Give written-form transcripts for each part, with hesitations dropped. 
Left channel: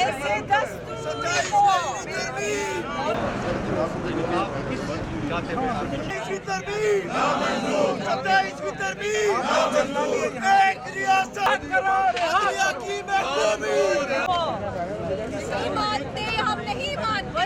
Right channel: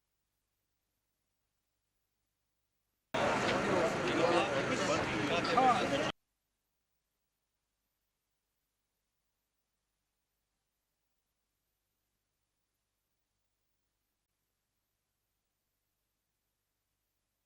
ऐसे दस्तूर को मानते, हम नहीं मानते।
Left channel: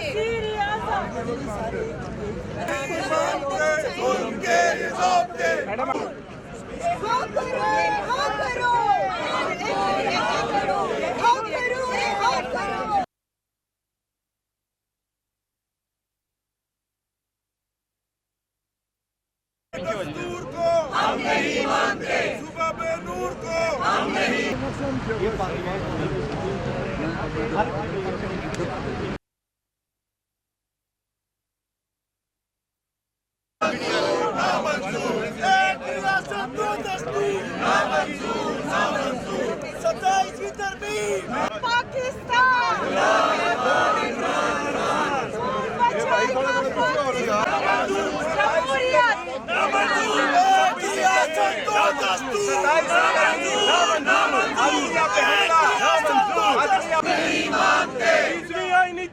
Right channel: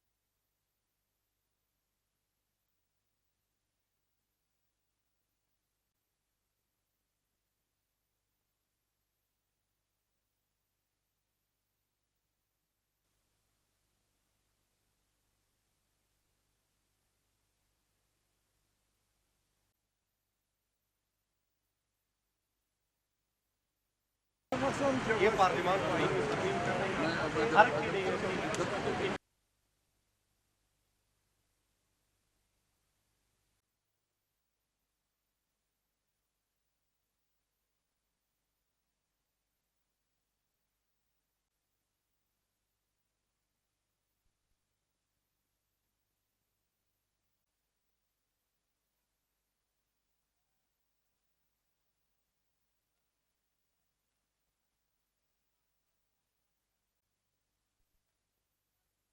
दस्तूर को हम नहीं मानते, सुबह बेनूर को हम नहीं मानते। ये पार्लियामेंट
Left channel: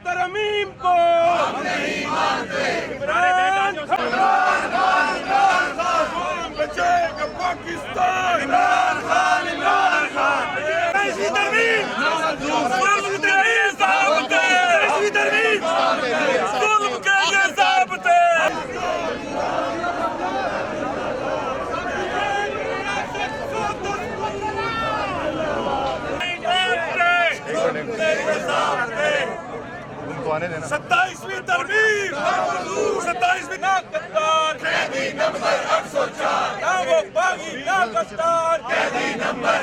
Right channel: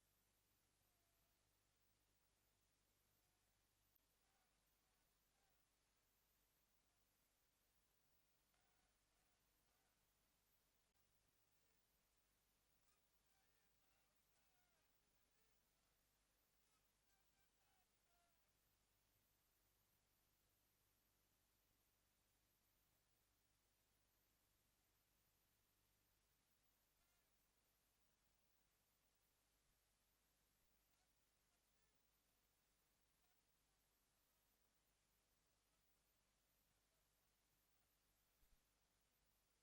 तरमीम को हम नहीं मानते। बचाएगा पाकिस्तान। इमरान खान, इमरान खान। ऐसी तरमीम जुल्म के लिए ज़ाब्ते। ऐसी तरमीम जुल्म के लिए ज़ाब्ते। सत्ताईसवीं तरमीम, 27वीं गद्दार कैदी नंबर 804, ना वो बागी ना गद्दार कैदी नंबर